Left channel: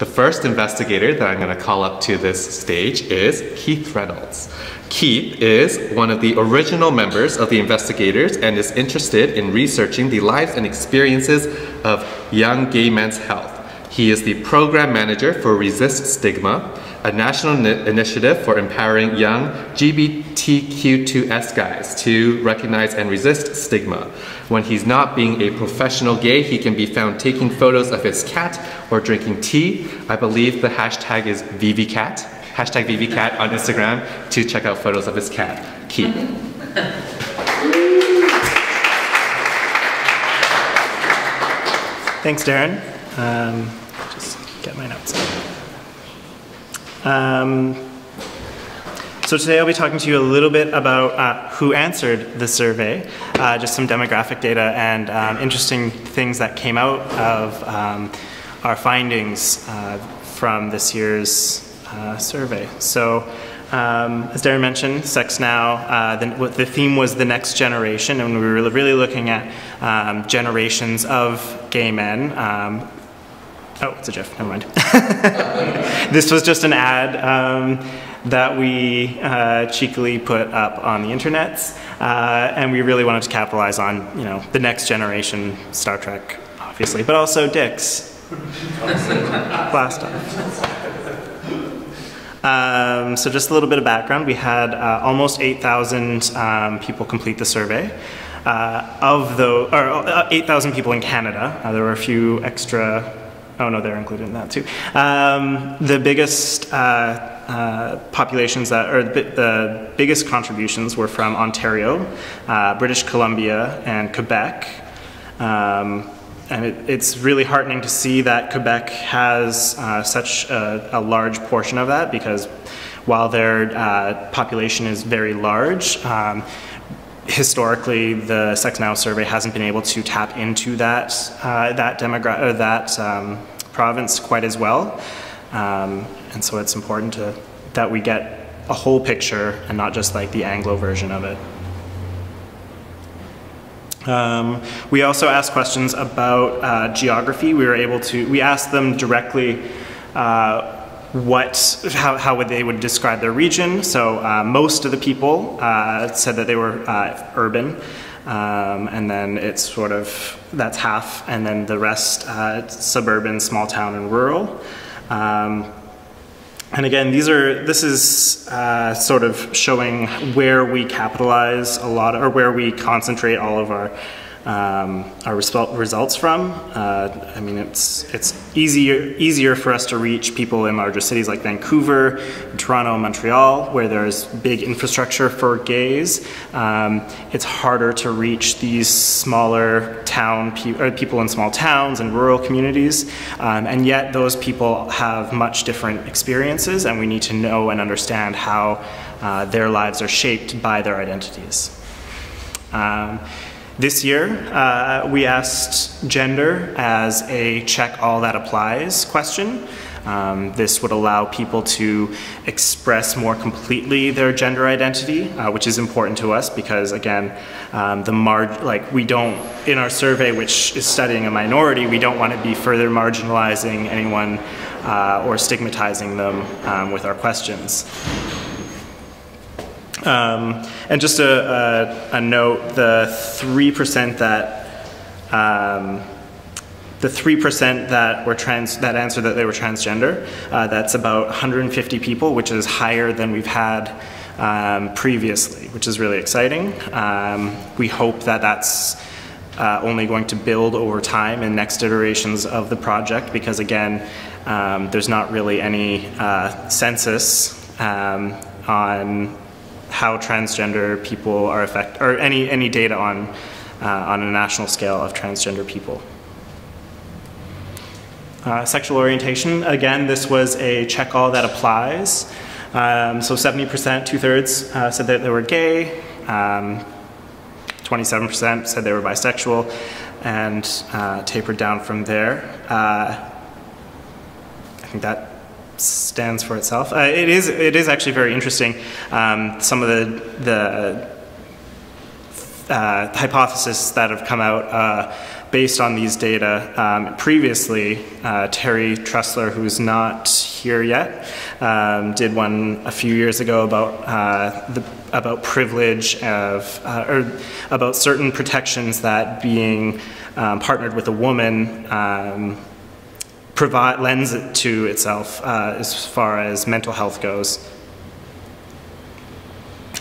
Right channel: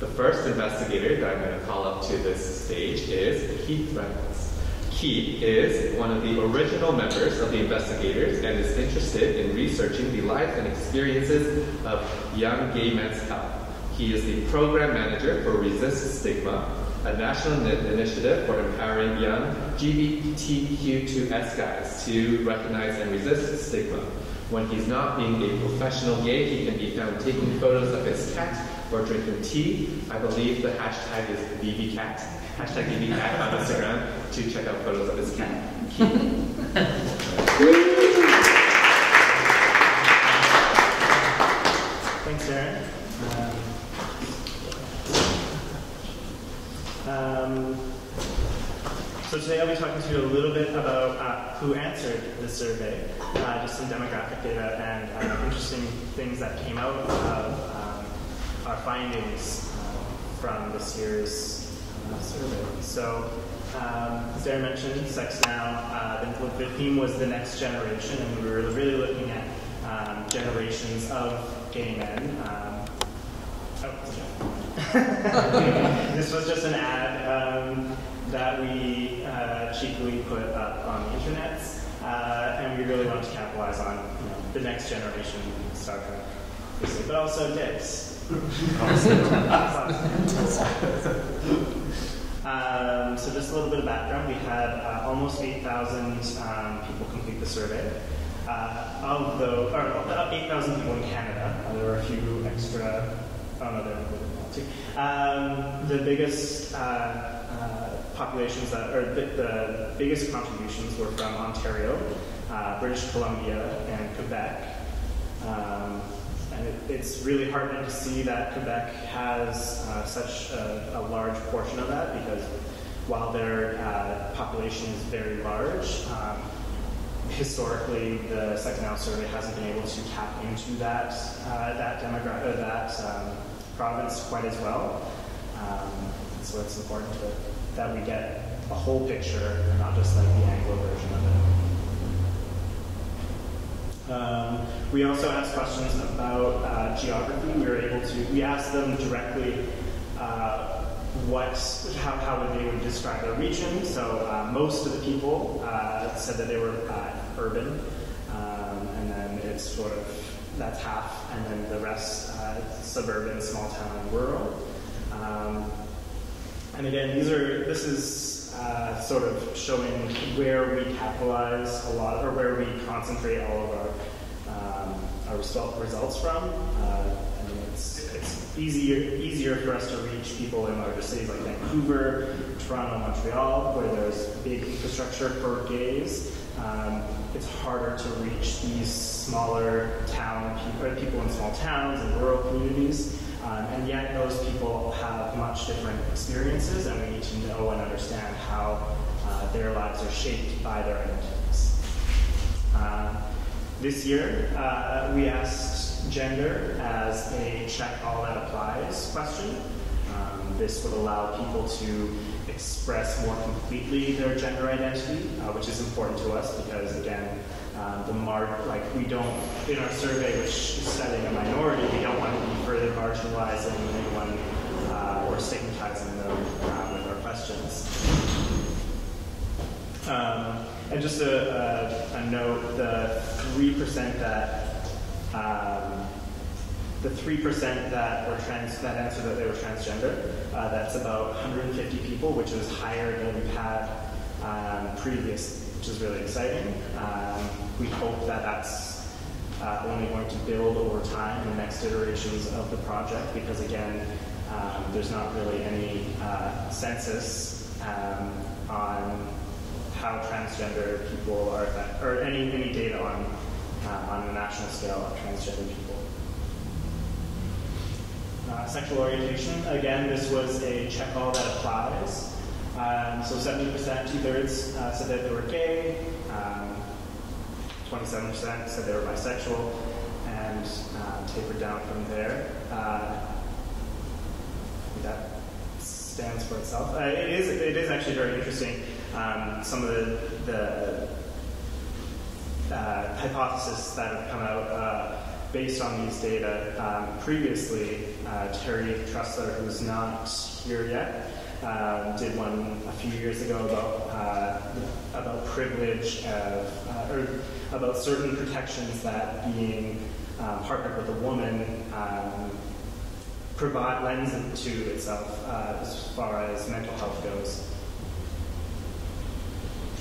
The first investigator that I'm going to call up to this stage is Keith Reynolds. Keith is one of the original members of the Investigators and is interested in researching the lives and experiences of young gay men's health. He is the program manager for Resist Stigma, a national initiative for empowering young LGBTQ2S guys to recognize and resist stigma. When he's not being a professional gay, he can be found taking photos of his cat or drinking tea. I believe the hashtag is VVCat, hashtag VVCat on Instagram to check out photos of his cat. Keith. Thanks, Darren. Just get my notes. So today I'll be talking to you a little bit about who answered the survey, just some demographic data and interesting things that came out of our findings from this year's survey. So as Darren mentioned, Sex Now, the theme was the next generation, and we were really looking at generations of gay men. Oh, it's a GIF, never mind. This was just an ad that we cheekily put up on the internets, and we really wanted to capitalize on, the next generation Star Trek, obviously, but also dicks. Blast off. So just a little bit of background. We had almost 8,000 people complete the survey. Of those, or 8,000 people in Canada. There were a few extra. Oh no, they're included in that too. The biggest populations the biggest contributions were from Ontario, British Columbia, and Quebec. And it's really heartening to see that Quebec has such a large portion of that, because while their population is very large, historically the Sex Now survey hasn't been able to tap into that province quite as well, and so it's important that we get a whole picture and not just like the Anglo version of it. We also asked questions about geography. We asked them directly how they would describe their region. So most of the people said that they were urban, and then it's that's half, and then the rest suburban, small town, and rural. And again, this is sort of showing where we capitalize a lot, or where we concentrate all of our results from. I mean, it's easier for us to reach people in larger cities like Vancouver, Toronto, Montreal, where there's big infrastructure for gays. It's harder to reach these smaller people in small towns and rural communities, and yet those people have much different experiences, and we need to know and understand how their lives are shaped by their identities. This year, we asked gender as a check all that applies question. This would allow people to express more completely their gender identity, which is important to us because, again, we don't, in our survey, which is studying a minority, we don't want to be further marginalizing anyone or stigmatizing them with our questions. And just a note: the 3% that answered that they were transgender, that's about 150 people, which is higher than we've had previously, which is really exciting. We hope that that's only going to build over time in next iterations of the project, because again, there's not really any census on how transgender people are affected, or any data on a national scale of transgender people. Sexual orientation, again, this was a check all that applies. So 70%, 2/3, said that they were gay, 27% said they were bisexual, and tapered down from there. I think that stands for itself. It is actually very interesting. Some of the hypotheses that have come out based on these data. Previously, Terry Tressler, who's not here yet, did one a few years ago about privilege or about certain protections that being partnered with a woman lends it to itself as far as mental health goes.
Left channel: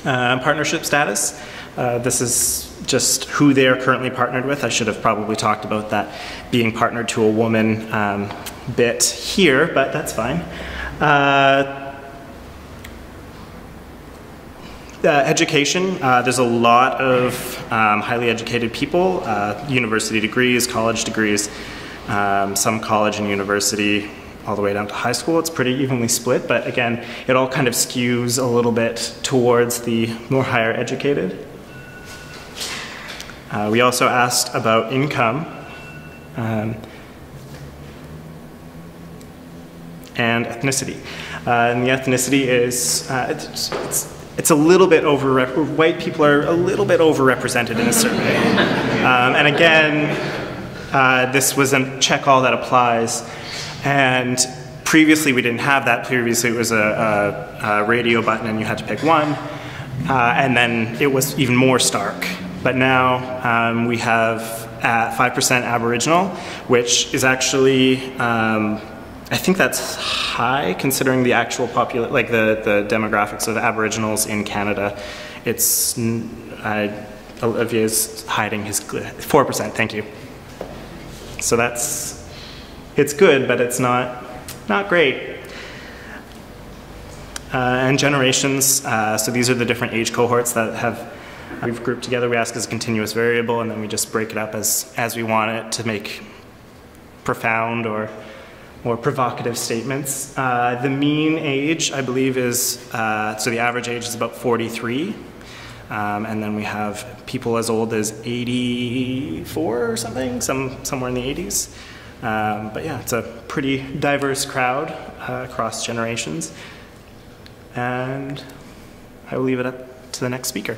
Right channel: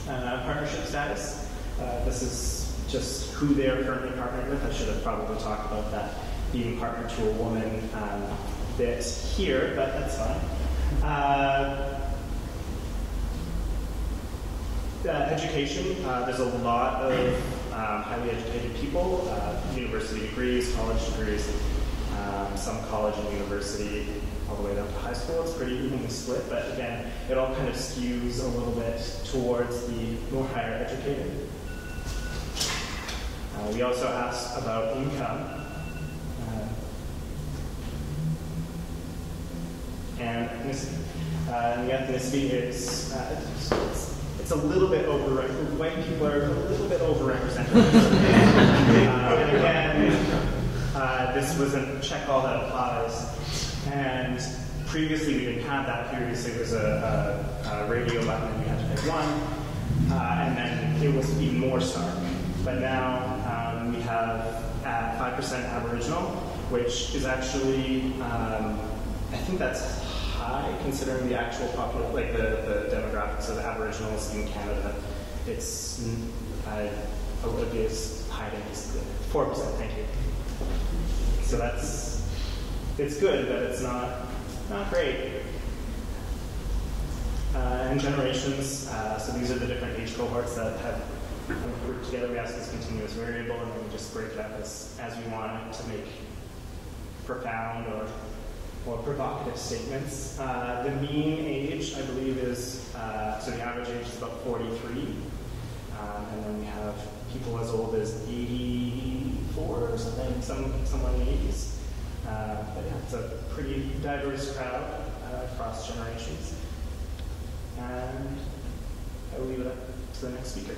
Partnership status. This is just who they are currently partnered with. I should have probably talked about that being partnered to a woman bit here, but that's fine. Education. There's a lot of highly educated people, university degrees, college degrees, some college and university, all the way down to high school. It's pretty evenly split, but again, it all kind of skews a little bit towards the more higher educated. We also asked about income and ethnicity. And the ethnicity is, it's a little bit white people are a little bit overrepresented in this survey. And again, this was a check all that applies. And previously we didn't have that. Previously it was a radio button and you had to pick one. And then it was even more stark. But now we have 5% Aboriginal, which is actually, I think that's high considering the actual population, like the demographics of Aboriginals in Canada. It's, Olivier's hiding his, 4%, thank you. So it's good, but it's not great. And generations, so these are the different age cohorts that we've grouped together. We ask as a continuous variable, and then we just break it up as we want it to make profound or provocative statements. The mean age, I believe, is, so the average age is about 43. And then we have people as old as 84 or something, somewhere in the 80s. But yeah, it's a pretty diverse crowd across generations. And I will leave it up to the next speaker.